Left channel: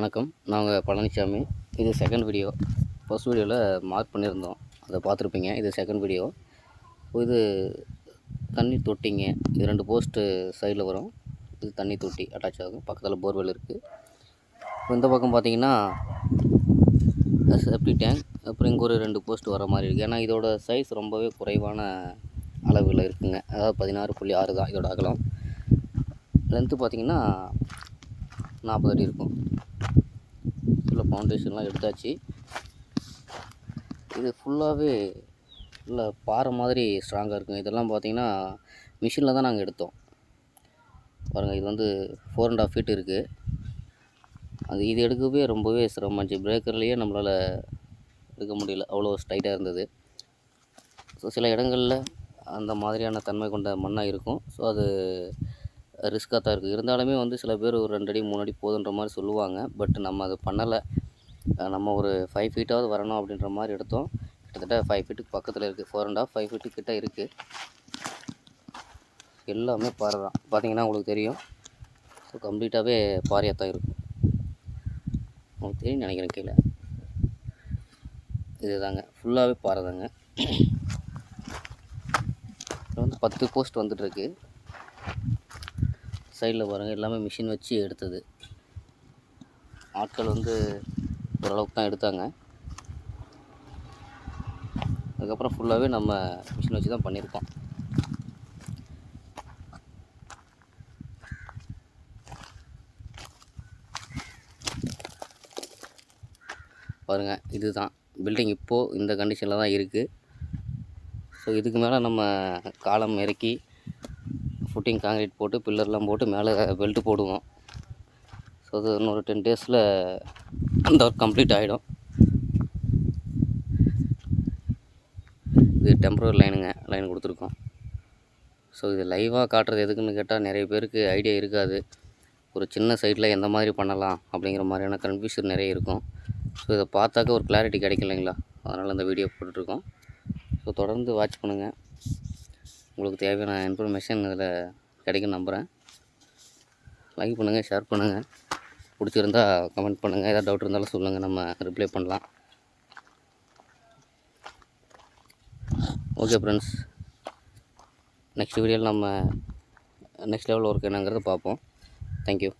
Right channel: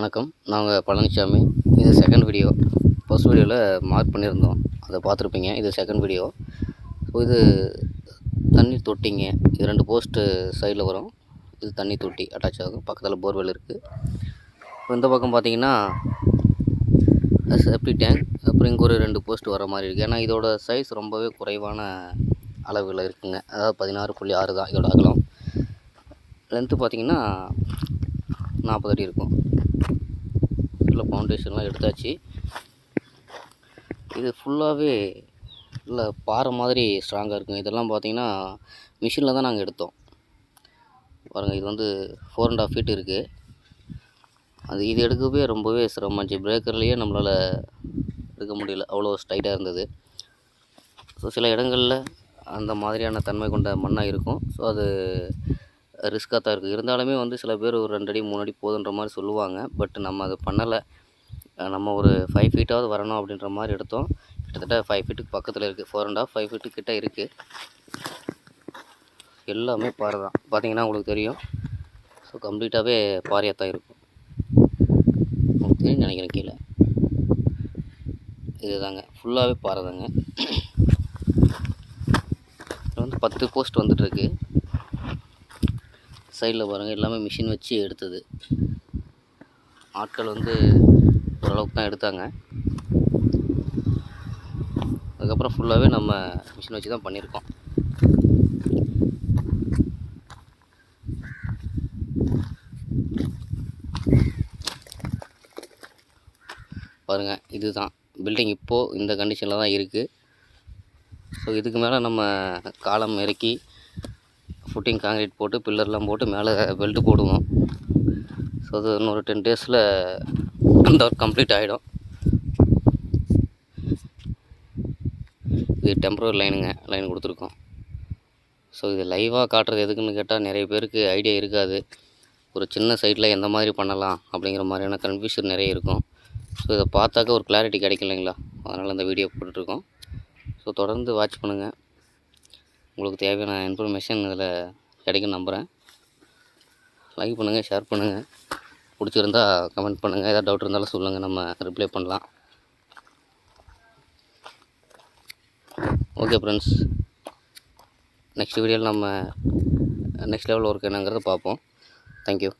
வணக்கம். நாங்கள் பழனிசாமி. இது செகண்ட் வீடியோ. ஃபர்ஸ்ட் வீடியோவில் மார்க் பண்ணியிருந்தோம், அதை பார்த்துருப்பீங்க. இது செகண்ட் வீடியோ. ஸோ இது தண்ணி தொட்டிங்க. இது 2 போஸ்ட்டு சைடில் வரும். இது தண்ணி தொட்டி அட்டாச் ஆகும். பக்கத்தில் போர்வெல் இருக்குது. இப்போ இந்த பக்கம் பார்த்தீங்கன்னா செப்டி டேங்க், அப்புறம் இங்கே ஒரு 2 போஸ்ட் வர மாதிரி இருக்குது. ஏன்னா இதோட சைஸ் ரொம்பவே குறைவான அளவில் இருக்குங்க. அதாவது 16.6 தான் இதோட அகலம். லென்த்து பார்த்தீங்கன்னா 40 அடி இருக்கும். இதில் ஃபவுண்டேஷன்லாம் எடுத்தாச்சு. இது ஃபுல்லாகவே இல்லை பாறை மாதிரி ஸ்ட்ராங்காக இருக்குங்க. இதெல்லாம் பார்த்தீங்கன்னா மிஷினில் தான் நாங்கள் எடுத்தோம். பாருங்கள், இது வந்து 4.5 ஃபீட் இருக்குது. இது எடுக்கவே ரொம்பவே சிரமமாச்சு. பிரேக்கர்லேயே நம்மளால் எடுக்க முடியல, அவ்வளோ ஸ்டைட்டாக இருந்தது. ஸோ சில இடங்களில் அந்த மாதிரியான தன்மை கொண்ட மண்ணாக இருக்கும். ஸோ அது ரிஸ்க்காக தான் இருக்குது. இருந்தாலுமே வந்து சில பேர் ஒரு 2 அடி 3 அடி போதுன்ற மாதிரி சொல்லுவாங்க. பட் நம்ம அதை பண்ணலை. நம்ம ஒரு 5 ஃபீட்டாவது வரணும் அப்படின்ற மாதிரி எடுத்தோம். கிட்டத்தட்ட 5 ஃபீட்டுக்கு பக்கத்தில் இருக்குது. 4.5 5 ஃபீட்டு கிட்ட இருக்குது. எல்லாமே பாறை தான். பார்த்தீங்கன்னா உங்களுக்கு தெரியும். ஸோ கம்ப்ளீட்டாகவே பாறையாக தான் இருக்கும். உங்களுக்கு தெரியும் நினைக்கிறேன். கீழே இது தாங்க, ஃபுல்லாகவே பாறை தாங்க. இதில் வந்து 10 போஸ்ட் வந்துட்டுருக்கு. சைடில் பாருங்கள், எல்லாமே மிஷின் வச்சு எடுத்தது. ஆட்கள் வந்து ஓரளவுக்கு தான் எடுத்தாங்க. அதுக்கப்புறம் ஃபுல்லாகவே நம்ம மிஷின் வச்சு தான் பண்ணியிருக்கோம். பாருங்கள், இதுதான் பில்டிங். இப்போது இந்த கண்டிஷனில் தான் இருக்குது. ஸோ இதுக்கு மேலே நம்ம காலம் இறக்கி ஃபுட்டிங் காங்கிரீட் போட்டு பில்லர்லாம் போட்டு மேலே பெல்ட்டு போடுவோம். ஸோ அது இன்னொரு 10 டேஸில் அந்த ஒர்க் கம்ப்ளீட் ஆகிடும். இது டெம்பரரி லைன் கொடுத்துருக்கோம். ஸோ இது லைவாக காட்டுறது எதுக்குன்னு கேட்டால் நிறைய பேருக்கு ஐடியா இருக்காது. ஒரு சின்ன சைட்டில் எந்த மாதிரி பண்ணலாம் அப்படிங்கிற மாதிரியான கன்ஃபியூஷன் நிறைய இருக்கும். ஸோ இதை பார்த்தாக்க ஒரு கிளாரிட்டி கிடைக்கும் இல்லைங்களா? அதனால் இந்த வீடியோ போட்டுட்ருக்கோம். ஸோ தொடர்ந்து வாட்ச் பண்ணுங்கள். உங்களுக்கு தேவையான இன்ஃபர்மேஷன் இதில் கிடைக்கும் நம்புகிறேன். லைக் பண்ணுங்கள், ஷேர் பண்ணுங்கள். பிடிச்சிருந்தா கமெண்ட் பண்ணுங்கள். ஏதாவது டவுட் இருந்தாலும் சொல்லுங்கள், நம்ம ரிப்ளை பண்ணலாம். ஓகே ஃப்ரெண்ட்ஸ், நெக்ஸ்ட் வீடியோவில் நம்ம நெக்ஸ்ட் லெவல் ஒர்க் என்னங்கிறத பார்ப்போம். தேங்க்யூ.